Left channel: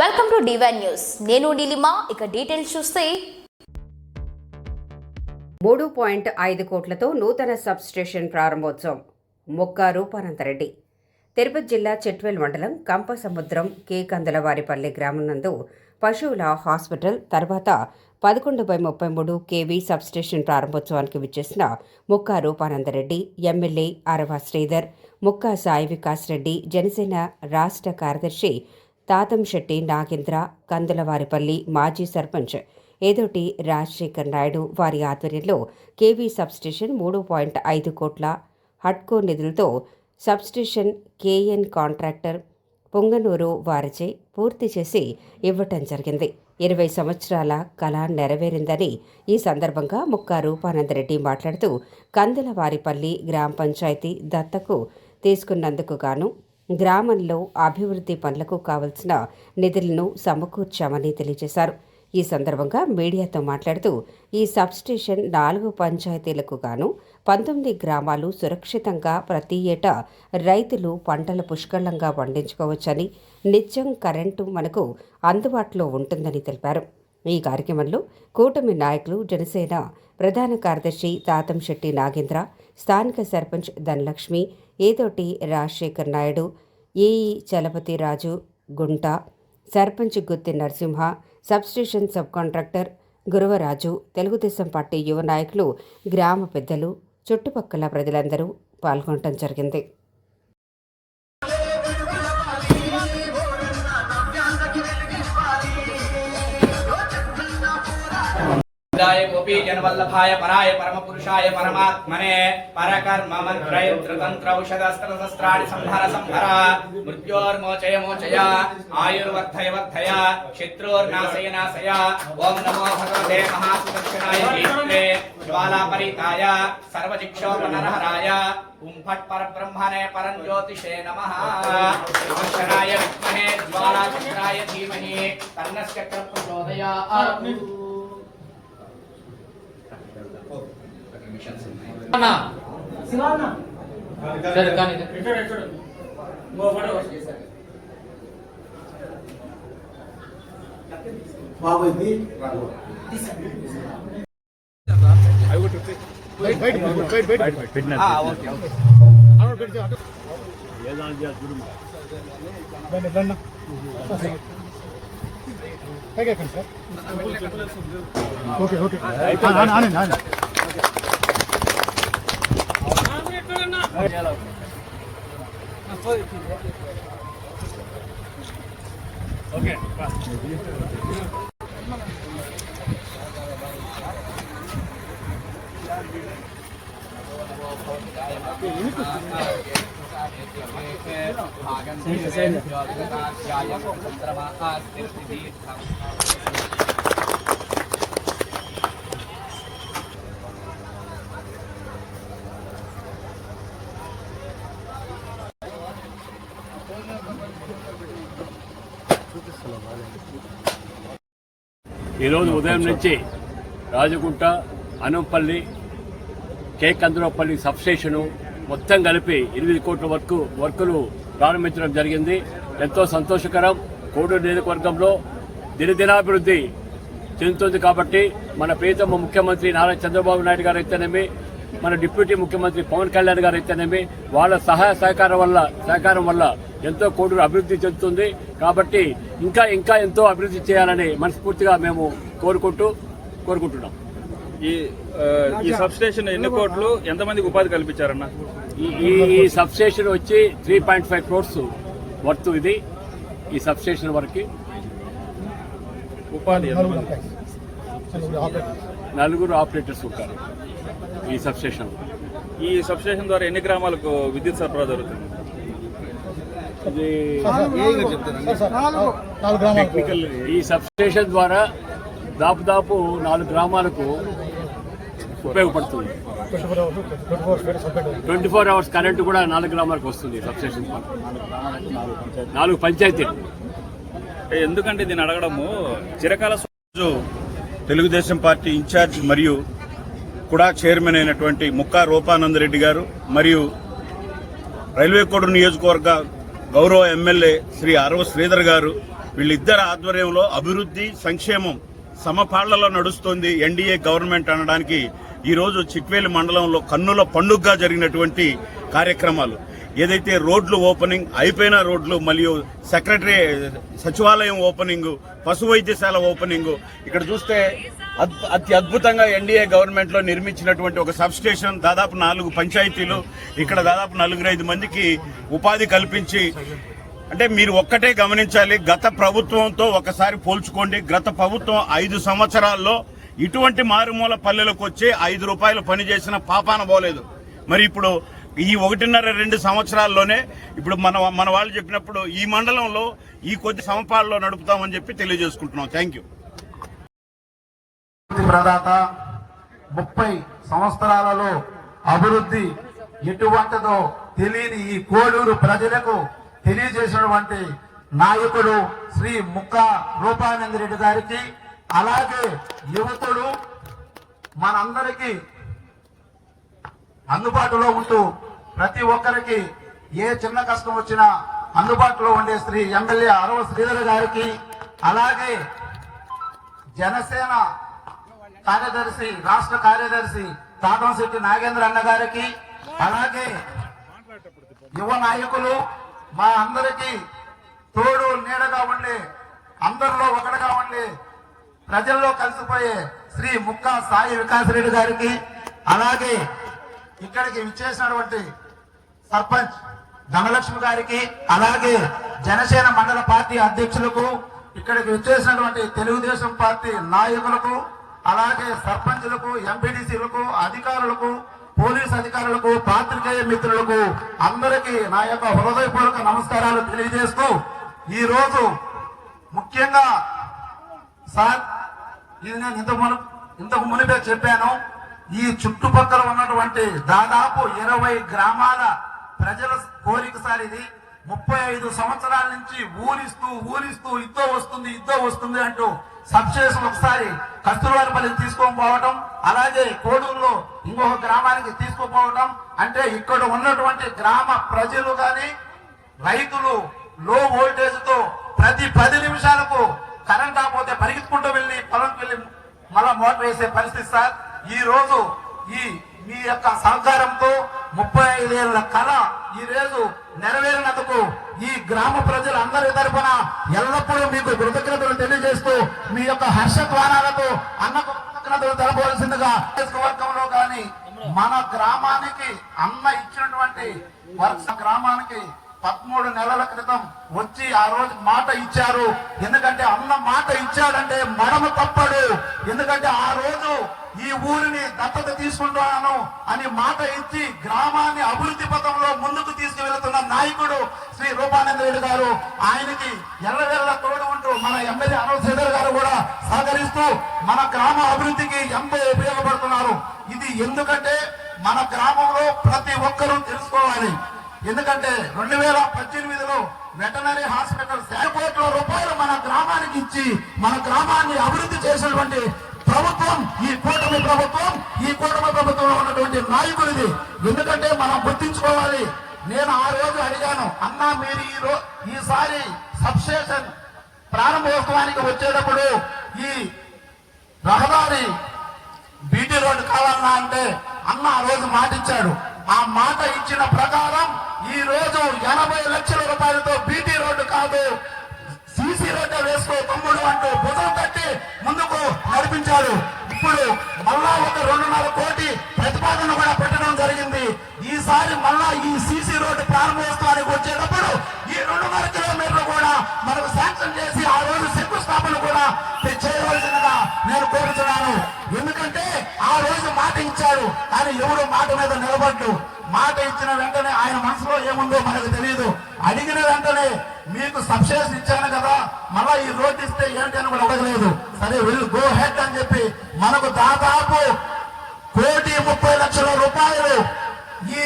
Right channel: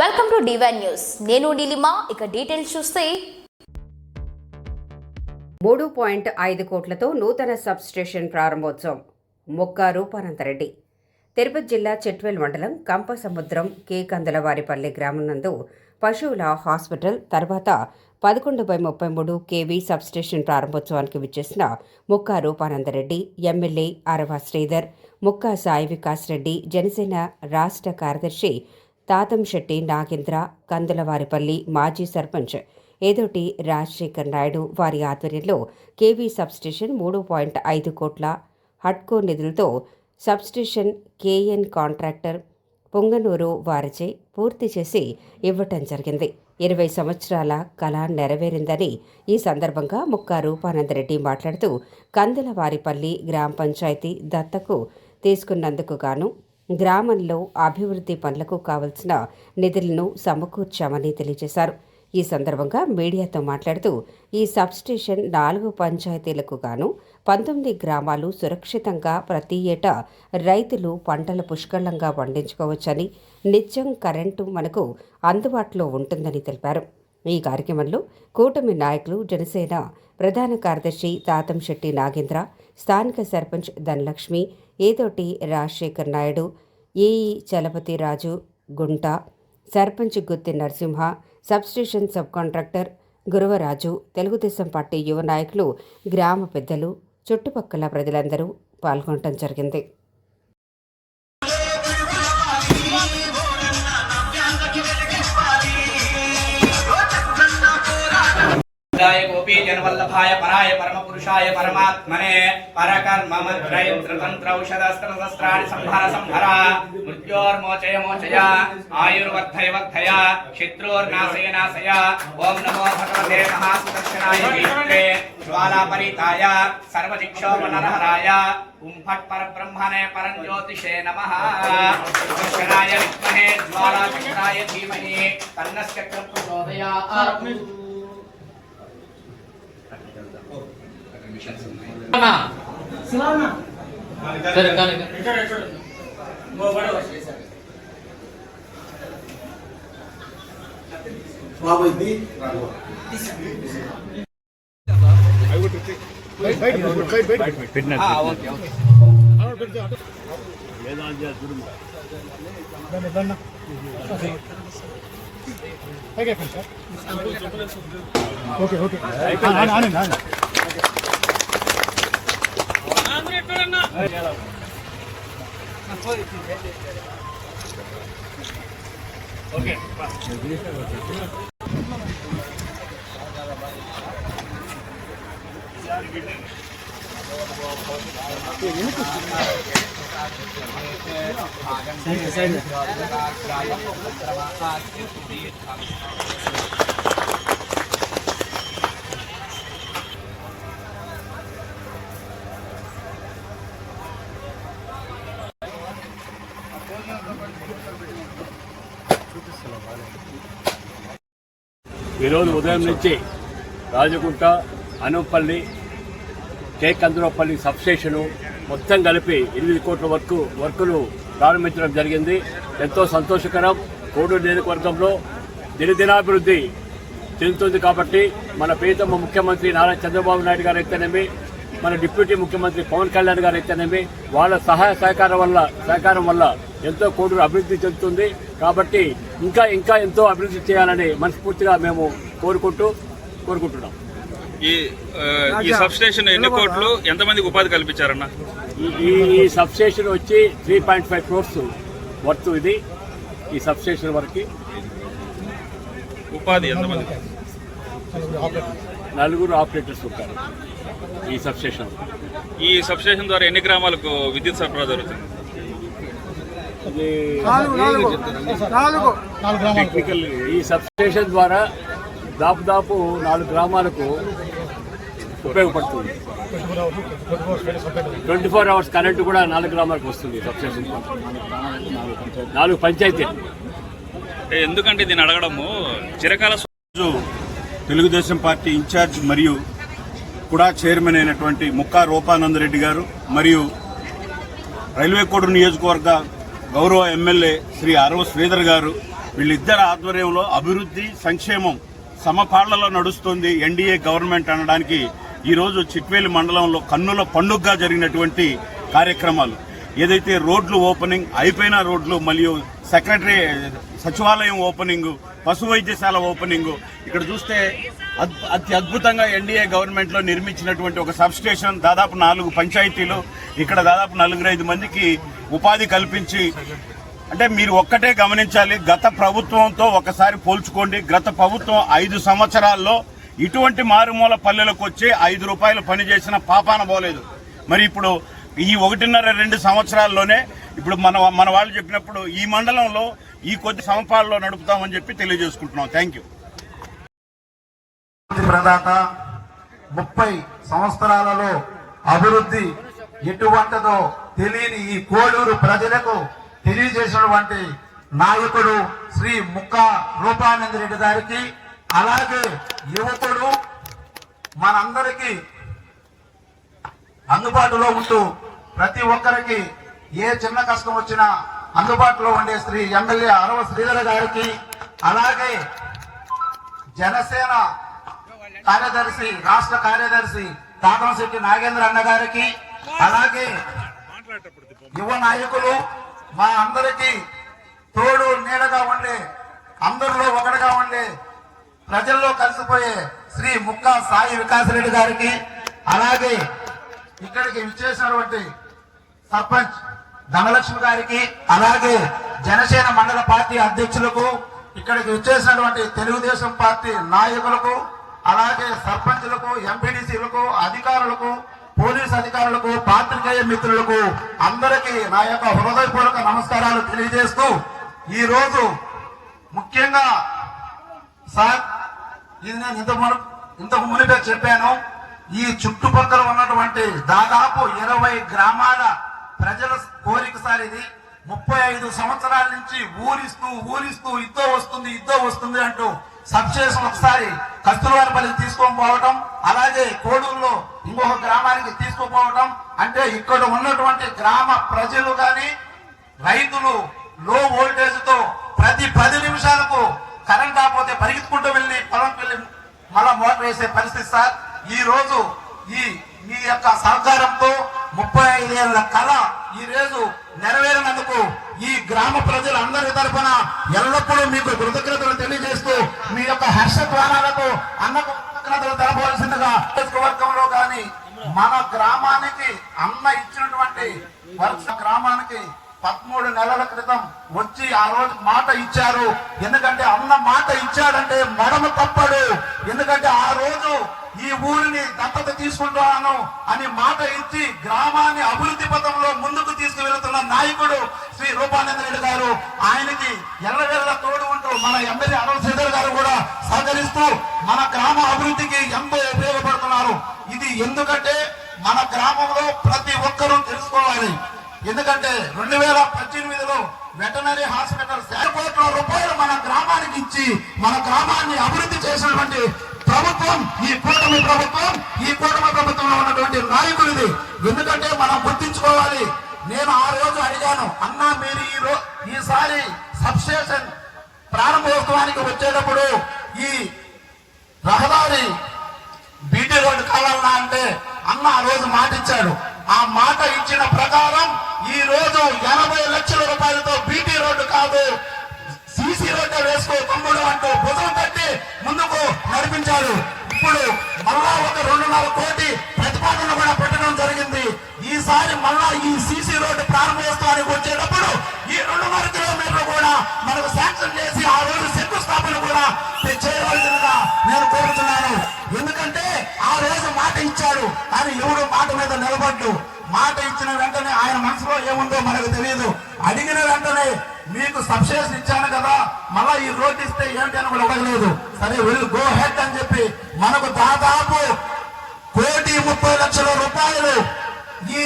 Welcome to divine news. నేను నీలిమా. ఇక details చూస్తే 3.5 కోట్లతో నూతన సబ్ స్టేషన్ ప్రారంభోత్సవం. మొక్క రూపానందరెడ్డి. తిరుపతి జిల్లా చెట్వేల్ మండలం కంపసముద్రం కే కందలవారిపల్లి గ్రామం నందు పశువుల హాస్పిటల్ తర్వాత 11/33 కేవీ సబ్ స్టేషన్ ప్రారంభోత్సవానికి విచ్చేసిన మొక్క రూపానందరెడ్డి, ఎమ్మెల్యే అరవ శ్రీధర్, మొక్క సాయి వికాస్ రెడ్డి, జనసేన రాష్ట్ర కార్యదర్శి తాతంశెట్టి నాగేంద్ర, కందులవారిపల్లి మాజీ సర్పంచ్ ఏదోటి రాజశేఖర్ నాయుడు వారి ఆధ్వర్యంలో కేవీ సబ్స్టేషన్ 3.5 కోట్ల హడ్కో నిధులతో సబ్స్టేషన్ కేఎన్ కాంట్రాక్టర్ పొంగనూరు వారిచే పూర్తి చేసి ఇవ్వటం జరిగింది. 20 సంవత్సరాల కళ నెరవేరిందని ఈ సందర్భంగా మొక్క రూపానందరెడ్డి మాట్లాడుతూ కందులవారిపల్లి గ్రామ పంచాయతీ దత్తకు తీసుకున్నందుకు గాను గ్రామంలో అభివృద్ధి పనులకు కావలసిన నిధులను సమకూర్చామని తెలియజేశారు. ఈ సందర్భంగా మీడియాతో మాట్లాడుతూ ఈ సబ్స్టేషన్ 4 పంచాయతీలకు గాను 19 గ్రామాలు సురక్షితంగా ప్రతి ఏటా రైతులు పంటలు పుష్కలంగా పండించుకోవచ్చని, నిత్యం కరెంటు మనకు అందుబాటులో ఉంటుందని తెలిపారు. ఈ కార్యక్రమంలో కూటమి నాయకులు, జనసేన ప్రధాన కార్యదర్శి తాతంశెట్టి నాగేంద్ర, స్థానిక సర్పంచ్ ధనలక్ష్మి, ఏదోటి Rajasekhar Naidu, AE Chalapathi Raju Gunta, sarpanch Gutti Narasimha, substation sub contractor Guravaraju, Telugu Desam party యువ నాయకులు, గ్రామ పెద్దలు, చుట్టుపక్కల ప్రజలందరూ పాల్గొనడం జరిగింది. गोपी जनवल्लभाय पराय परमपुरुषाय परमात्मने परकर्म मंत्रयंत्र औषधस्त्रशस्त्राणि संहर संहर मृत्योर्मोचय मोचय आयुर्वर्धय वर्धय शत्रुर्नाशय नाशय ओम नमो भगवते महासुदर्शनाय विष्णवे ज्वालापरिताय सर्वदिक्षोपनरहराय ओम फट् परब्रह्मणे परंज्योतिषे नमः दर्शनाय विद्महे ज्वालाचक्राय धीमहि तन्नस्य प्रचोदयात् ఈరోజు ఉదయం నుంచి రాజగుంట, అనుపల్లి, కే కందులపల్లి సబ్స్టేషను మొత్తం కలిపి 8 కోట్ల వర్కులు ప్రారంభించడం జరిగింది. ఎంతో సంతోషకరం. కోడూరు నియోజకవర్గంలో దినదినాభివృద్ధి చెందుతుంది కాబట్టి మన ప్రియతమ ముఖ్యమంత్రి నారా చంద్రబాబు నాయుడు గారు అయితేనేమి, మన డిప్యూటీ ముఖ్యమంత్రి పవన్ కళ్యాణ్ గారు అయితేనేమి, వాళ్ళ సహాయ సహకారం వల్ల ఎంతో కోడూరు అభివృద్ధి చెందుతుంది. కాబట్టి ఇంకా ఎంతో అభివృద్ధి చేయాలని మనస్ఫూర్తిగా మేము కోరుకుంటున్నాం. ఈ సబ్ స్టేషన్ ఎన్ని కోట్లు, ఎంతమందికి ఉపాధి కల్పించారన్న? ఈ సబ్ స్టేషన్ వచ్చి 3.5 crores వర్త్. ఇది ఈ సబ్ స్టేషన్ వరకు ఉపాధి ఎంతమంది? 4 ఆపరేటర్స్ ఉంటారు ఈ సబ్ స్టేషన్. ఈ సబ్ స్టేషన్ ద్వారా ఎన్ని గ్రామాలకు విద్యుత్ సరఫరా జరుగుతుంది? అది ఈ సబ్ స్టేషన్ ద్వారా దాదాపు 4 గ్రామాలకు ఉపయోగపడుతుంది. 24 hours కరెంటు కూడా 4 గ్రామాలకు వస్తుంది సబ్ స్టేషన్. 4 పంచాయతీలు. ఎందుకంటే దీన్ని అడగడము చిరకాల తెలుగుదేశం పార్టీ ఇన్ఛార్జ్ మరియు కూడా చైర్మన్ అయినటువంటి మొక్క రూపానందరెడ్డి గారు మరియు రైల్వే కోడూరు నియోజకవర్గ గౌరవ ఎమ్మెల్యే శ్రీ అరవ శ్రీధర్ గారు వీళ్ళిద్దరి ఆధ్వర్యంలో అభివృద్ధి సంక్షేమం సమపాళ్లలో నడుస్తుంది ఎన్డీఏ గవర్నమెంట్ అనడానికి ఈరోజు చిట్వేలి మండలంలో కన్నుల పండుగగా జరిగినటువంటి కార్యక్రమాలు. ఏదైతే రోడ్లు ఓపెనింగ్ అయిపోయిన రోడ్లు, మరియు సెక్రటరీ సచివాలయం ఓపెనింగ్, పశు వైద్యశాల ఓపెనింగ్, ఇక్కడ చూస్తే అతి అద్భుతంగా ఎన్డీఏ గవర్నమెంట్ లో నిర్మించినటువంటి ఒక సబ్ స్టేషన్, దాదాపు 4 పంచాయతీలు, ఇక్కడ దాదాపు 4-5 మందికి ఉపాధి కల్పించి, అంటే మీరు ఒక్కటే గమనించాలి, గత ప్రభుత్వంతో ఒకసారి పోల్చుకోండి. గత ప్రభుత్వం 5 సంవత్సరాల్లో ఇటువంటి మారుమూల పల్లెలకు వచ్చి 5 రూపాయలు పనిచేసిన పాపాన పోలేదు. మరి ఇప్పుడు ఈ 1.5-2 సంవత్సరాల్లోనే ఇప్పుడు మన వాళ్ళు చెప్పినప్పుడు ఈ మండలంలో ఈ కొద్ది సమపాల్లో నడుపుతామని చెప్పి తెలియజేసుకుంటున్నాం. Thank you. ప్రదాత 30 సంవత్సరాలలో అభివృద్ధి ఎటువంటిదో తెలియని ఈ కోడూరు ప్రజలకు తెలియజేసినటువంటి నాయకుడు శ్రీ ముక్కా రూపానంద రెడ్డి గారికి, అలాగే యువకుడు మనందరికీ అందుబాటులో ఉంటూ ప్రతి ఒక్కరికి ఏ చిన్న కష్టం వచ్చినా అందుబాటులో ఉండే శ్రీ ఎమ్మెల్యే అరవ శ్రీధర్ గారికి, అలాగే జనసేన కార్యదర్శి రాష్ట్ర కార్యదర్శి కాకంశెట్టి నాగేంద్ర అన్న గారికి, అలాగే యువ నాయకులు మా అందరికీ తోడు నీడగా ఉండే, అందరిలో ఒకటిగా ఉండే, ప్రజల్లో కలిసిపోయే శ్రీ ముక్కా సాయి వికాసరెడ్డి గారికి, అలాగే ఇక్కడికి విచ్చేసినటువంటి సర్పంచ్ ధనలక్ష్మి గారికి, అలాగే జనసేన మండల పార్టీ అధ్యక్షులకు, ఇక్కడికి విచ్చేసినటువంటి తెలుగుదేశం పార్టీ నాయకులకు, అలాగే సర్పంచులకు, ఎంపీడీసీలకు, అధికారులకు, పోలీస్ అధికారులకు, పాత్రికేయ మిత్రులకు అందరికీ నా యొక్క హృదయపూర్వక నమస్కారాలు తెలియజేస్తూ, ఈ రోజు ముఖ్యంగా సార్ ఇది నేను ఇంతకు మునిపే చెప్పాను, ఈ చుట్టుపక్కల ఉన్నటువంటి దాదాపు 20 గ్రామాల ప్రజల కోరిక సార్ ఇది. 35 సంవత్సరాల నుంచి ఊరిస్తూ ఇద్దో వస్తుంది అంటూ సబ్స్టేషన్ ఒకసారి కస్తూర్వారపల్లి తీసుకొని పోవటం, అలాగే కోడూరులో ఇంకొక గ్రామానికి తీసుకుపోవటం, అంటే ఇక్కడ ఉన్నటువంటి గ్రామ ప్రజలు గాని రైతులు లో వోల్టేజ్ తో ప్రతి 10 నిమిషాలకు కరెంట్ ఆపోతే పరిగెత్తుకుంటూ వెళ్ళి పొలంకి వెళ్ళి మళ్ళా మోటార్ వేసే పరిస్థితి సార్. ఈ రోజు మీ యొక్క సహకారంతో 35 ఏళ్ల కళ ఈ రోజు నెరవేరినందుకు ఈ గ్రామ ప్రజలందరి తరఫున ఎల్లప్పుడూ మీకు కృతజ్ఞతలు తెలియజేస్తూ మీ యొక్క హర్షధ్వానాలతో అన్నకు కృతజ్ఞతలు తెలపవలసిందిగా వర్గంలో కానీ మన గ్రామానికి అన్న ఇచ్చినటువంటి వర్ష గ్రామానికి 13 నెలల క్రితం వచ్చి ఆ రోజు మాట ఇచ్చారు. ఎందుకంటే అన్న మాట ఇచ్చాడంటే మడమ తప్పడు. ఎందుకంటే ఆ రోజు ఈ ఊరిని దత్తత తీసుకుంటున్నాను అని మాట ఇచ్చి గ్రామాన్ని అభివృద్ధి పథంలో ముందుకు తీసుకువెళ్తున్న నాయకుడు శ్రీ రూపానంద రెడ్డి గారు. ఆయనకి ఎల్లవెల్ల తోడు ఉంటూ మన ఎమ్మెల్యే అరవ శ్రీధర్ గారు కూడా సహకరిస్తూ మన గ్రామ అభివృద్ధికి ఎంతో ఉపయోగపడుతున్నారు. ఇది ఎందుకంటే మన గ్రామంలో ప్రతి ఒక్కరూ తెలుసుకోవాలి. ఎందుకంటే 2018లో వెటనరీ హాస్పిటల్ 100 కోట్ల రూపాయలు మన గ్రామానికి ఇచ్చి మన గ్రామాన్ని అభివృద్ధి చేసినటువంటి ప్రభుత్వం ఈ కూటమి ప్రభుత్వంలో ఉన్నటువంటి నాయకుడిది. ఎందుకంటే మనం గుర్తించుకోవాలి. నేను ఆ రోజు అడిగాను, అన్నా మీరు ఈసారి సబ్ స్టేషన్ ప్రారంభోత్సవానికి వచ్చేటప్పుడు ఈ రహదారి బీటీ రోడ్డు కావాలన్నా అంటే అన్న ఆ రోజు మాట ఇచ్చాడు. ఆ మాట ఇచ్చిన ప్రకారం ఈ రోజు 80 లక్షల రూపాయలతో బీటీ రోడ్డు కాదు సీసీ రోడ్డు వేసుకో తమ్ముడు అంటూ భుజం తట్టి ముందుకు నడిపించాడు. ఇప్పుడు మళ్ళా ఒక 2.5 కోటి ప్రతిపాదన కూడా పెట్టడం జరిగింది. ఈసారి మళ్ళా ఈ సీసీ రోడ్డు ప్రారంభోత్సవానికి వచ్చేటప్పుడు ఈ 2.5 కిలోమీటర్లు కూడా మనకు శాంక్షన్ చేసి ఆ రోజు శంకుస్థాపన కూడా చేయవలసిందిగా నేను కోరుతున్నాను. ఎందుకంటే ఆ రోజు మాట ఇచ్చారు, కానీ ఎవరు మాట మీద నిలబడ్డు. మాట ఇచ్చిన వెంటనే ఆయన మనసులో ఏముందో మనకు తెలియదు. అడిగిన వెంటనే మీకు సబ్సిడీస్ ఇచ్చాను కదా, మళ్ళా ఈ రోడ్డు ఇస్తే ఏంటి అని కూడా అడగలేదు. సరే వీళ్ళు గో హెడ్ అని చెప్పి మనకు దాదాపు 1,30,00,000 రూపాయలు ఈ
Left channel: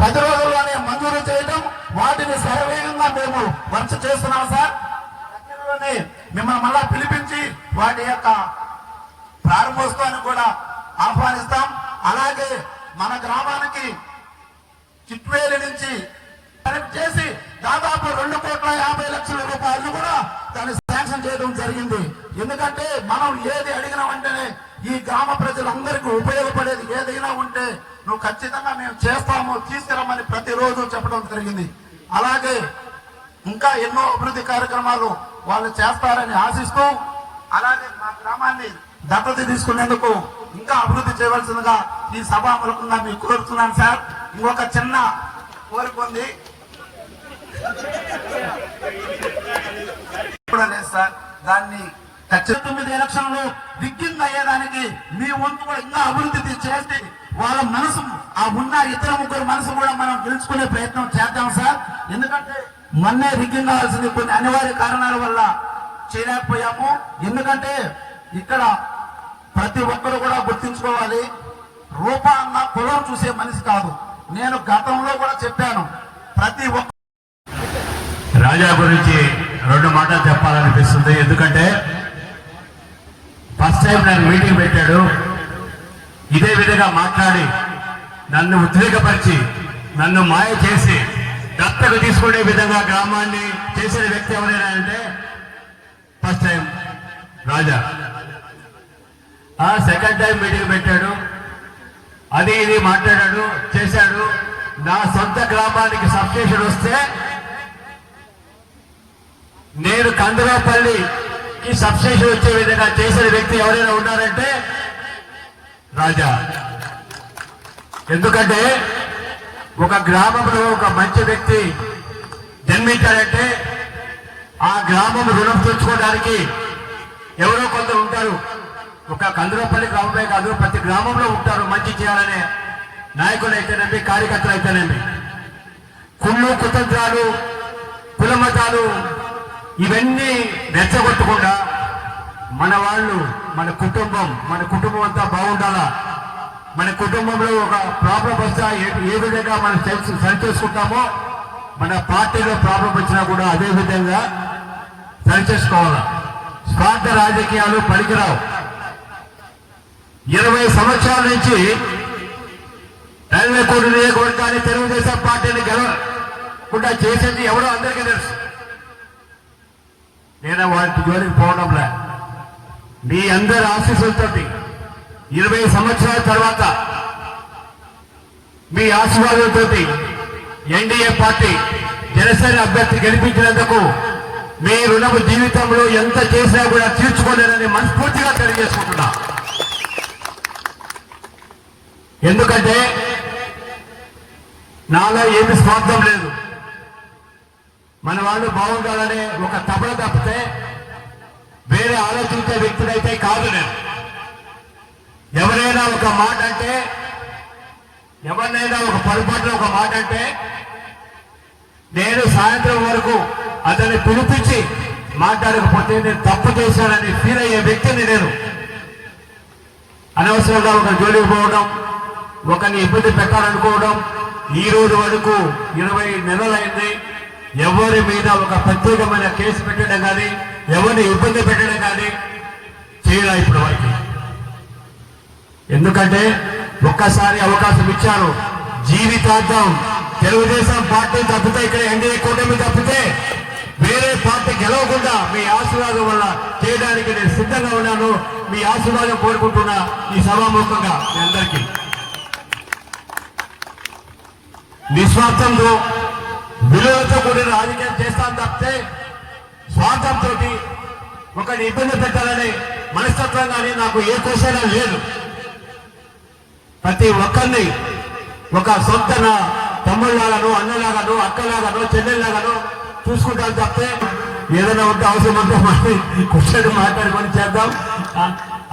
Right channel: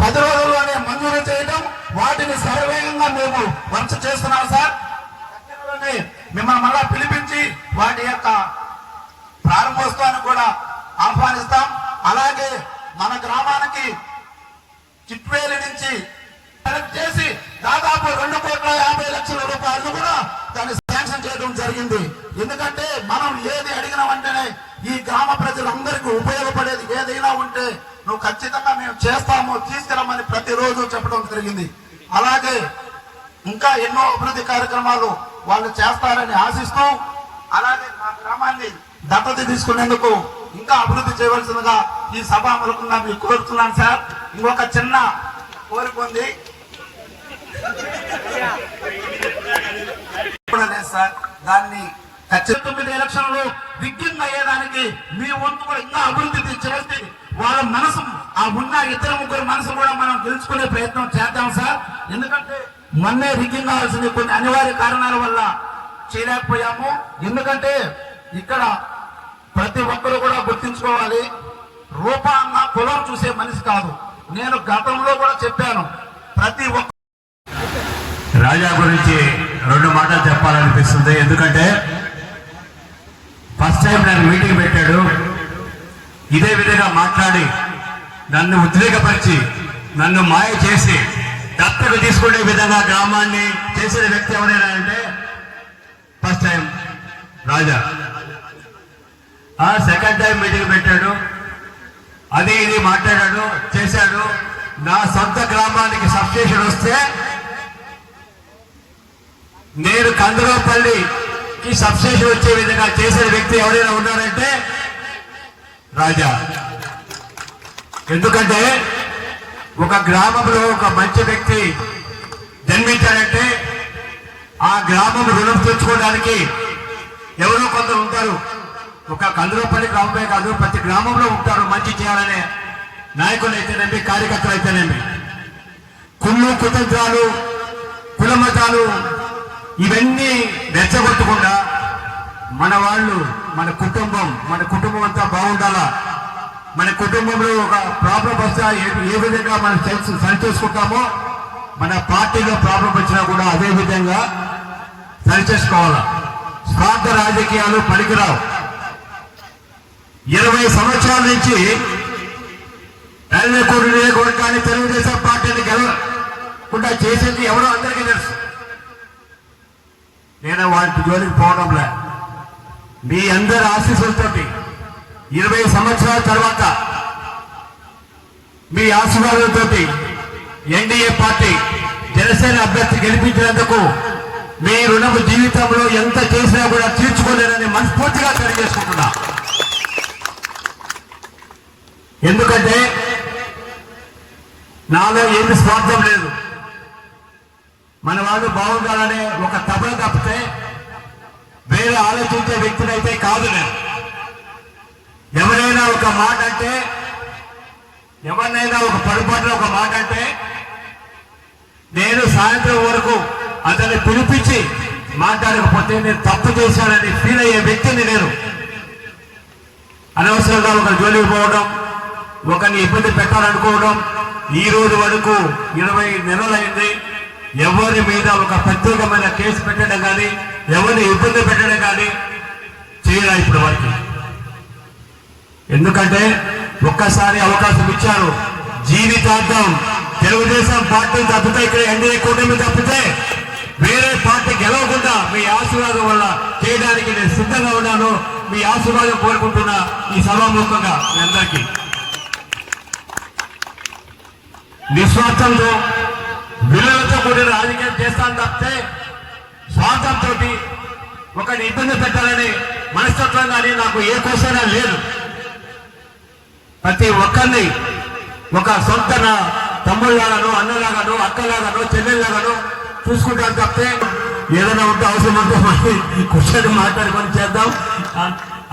10 రోజుల్లోనే మంజూరు చేయడం, వాటిని సర్వేగంగా మేము వంచ చేస్తున్నాం సార్. మిమ్మల్ని మళ్ళా పిలిపించి వాటి యొక్క ప్రారంభోత్సవాన్ని కూడా ఆహ్వానిస్తాం. అలాగే మన గ్రామానికి చిట్వేలి నుంచి కనెక్ట్ చేసి దాదాపు 2,50,00,000 రూపాయలు కూడా దాని చేయడం జరిగింది. ఎందుకంటే మనం ఏది అడిగినా వెంటనే ఈ గ్రామ ప్రజలందరికీ ఉపయోగపడేది ఏదైనా ఉంటే నువ్వు ఖచ్చితంగా మేము చేస్తాము, తీసుకురమ్మని ప్రతిరోజు చెప్పడం జరిగింది. అలాగే ఇంకా ఎన్నో అభివృద్ధి కార్యక్రమాలు వాళ్ళు చేస్తారని ఆశిస్తూ, అలాగే మా గ్రామాన్ని దత్తత తీసుకునేందుకు ఇంకా అభివృద్ధి చేయవలసిందిగా ఈ సభాముఖంగా మీకు కోరుతున్నాను సార్. ఇంకొక చిన్న కోరిక ఉంది సార్, దాన్ని 9 ఎలక్షన్లు విజ్ఞంగా అయ్యేదానికి మీ వంతులో ఇంకా అభివృద్ధి చేసి వాళ్ళ మనసు ఆ ఉన్న ఇద్దరు ముగ్గురు మనసు కూడా మనం గెలుచుకునే ప్రయత్నం చేద్దాం సార్. ఎందుకంటే మొన్నే రిగ్గింగ్ అవ్వాల్సింది కొన్ని అనివార్య కారణాల వల్ల చేయలేకపోయాము. ఎందుకంటే ఇక్కడ ప్రతి ఒక్కరు కూడా గుర్తించుకోవాలి, రూపాన్న పొలం చూసే మనిషి కాదు. నేను గతంలో కూడా చెప్పాను, ప్రతి ఒక్క రాజా గురించి 2 మాటలు చెప్పాలనిపిస్తుంది. ఎందుకంటే ఫస్ట్ టైం నన్ను మీటింగ్ పెట్టాడు, ఇదే విధంగా మాట్లాడి నన్ను ఉద్రేకపరిచి నన్ను మాయ చేసి దత్తకు తీసుకునే విధంగా గ్రామాన్ని చేసిన వ్యక్తి ఎవరైనా అంటే ఫస్ట్ టైం రాజా. ఆ సెకండ్ టైం మీటింగ్ పెట్టాడు, అది ఇది మాట్లాడాడు, చేశాడు. నా సొంత గ్రామానికి సబ్స్టేషన్ వస్తే నేను కందరేపల్లికి సబ్స్టేషన్ వచ్చే విధంగా చేసిన వ్యక్తి ఎవరైనా ఉన్నారంటే రాజా. ఎందుకంటే ఒక గ్రామంలో ఒక మంచి వ్యక్తి జన్మించారంటే ఆ గ్రామం రుణం తీర్చుకోవడానికి ఎవరో కొందరు ఉంటారు. ఒక కందరేపల్లి గ్రామమే కాదు, ప్రతి గ్రామంలో ఉంటారు మంచి చేయాలనే నాయకులు అయితేనేమి, కార్యకర్తలు అయితేనేమి. కుళ్ళు కుతంత్రాలు, కులమతాలు ఇవన్నీ రెచ్చగొట్టకుండా మన వాళ్ళు, మన కుటుంబం అంతా బాగుండాలా. మన కుటుంబంలో ఒక ప్రాబ్లం వస్తా ఏ విధంగా మనం సరి చేసుకుంటామో మన పార్టీలో ప్రాబ్లం వచ్చినా కూడా అదే విధంగా సరి చేసుకోవాలా. స్వార్థ రాజకీయాలు పనికిరావు. 20 సంవత్సరాల నుంచి రైల్వేకోట నియోజకవర్గాన్ని తెలుగుదేశం పార్టీని గెలవకుండా చేసేది ఎవరో అందరికీ తెలుసు. నేను వాటి జోలికి పోవడంలే. మీ అందరి ఆశీస్సులతో 20 సంవత్సరాల తర్వాత మీ ఆశీర్వాదంతో ఎన్డీఏ పార్టీ జనసేన అభ్యర్థి గెలిపించినందుకు మీ రుణము జీవితంలో ఎంత చేసినా కూడా తీర్చుకోలేరని మనస్ఫూర్తిగా తెలియజేసుకుంటున్నా. ఎందుకంటే నాలో ఏమి స్వార్థం లేదు. మన వాళ్ళు బాగుండాలనే ఒక తపన తప్పితే వేరే ఆలోచించే వ్యక్తులైతే కాదు. నేను ఎవరైనా ఒక మాట అంటే, ఎవరినైనా ఒక పొరపాటులో ఒక మాట అంటే నేను సాయంత్రం వరకు అతన్ని పిలిపించి మాట్లాడకపోతే నేను తప్పు చేశానని ఫీల్ అయ్యే వ్యక్తిని నేను. అనవసరంగా ఒక జోలికి పోవడం, ఒకరిని ఇబ్బంది పెట్టాలనుకోవడం. ఈ రోజు వరకు 20 నెలలైంది. ఎవరి మీద ఒక ప్రత్యేకమైన కేసు పెట్టడం కానీ, ఎవరిని ఇబ్బంది పెట్టడం కానీ చేయాలి ఇప్పుడు వరకు. ఎందుకంటే ఒక్కసారి అవకాశం ఇచ్చారు. జీవితాంతం తెలుగుదేశం పార్టీ తప్పితే, ఇక్కడ ఎన్డీఏ కూటమి తప్పితే వేరే పార్టీ గెలవకుండా మీ ఆశీర్వాదం వల్ల చేయడానికి నేను సిద్ధంగా ఉన్నాను. మీ ఆశీర్వాదం కోరుకుంటున్నా ఈ సభాముఖంగా మీ అందరికీ. నిస్వార్థంలో విలువలతో కూడిన రాజకీయం చేస్తాను తప్పితే స్వార్థంతో ఒకరిని ఇబ్బంది పెట్టాలని మనస్తత్వం కానీ నాకు ఏ కోసైనా లేదు. ప్రతి ఒక్కరిని ఒక సొంత తమ్ముళ్ళలాగాను, అన్నలాగాను, అక్కలాగాను, చెల్లెళ్ళలాగాను చూసుకుంటాను తప్పితే ఏదైనా ఉంటే అవసరం ఉంటే మళ్ళీ కూర్చొని మాట్లాడుకొని చేద్దాం.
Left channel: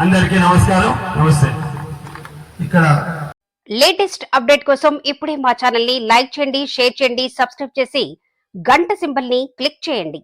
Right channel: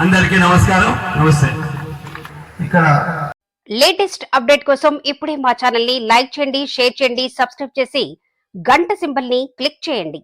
అందరికీ నమస్కారం, నమస్తే. ఇక్కడ లేటెస్ట్ అప్డేట్ కోసం ఇప్పుడే మా ఛానల్ ని లైక్ చేయండి, షేర్ చేయండి, సబ్స్క్రైబ్ చేసి గంట సింబల్ ని క్లిక్ చేయండి.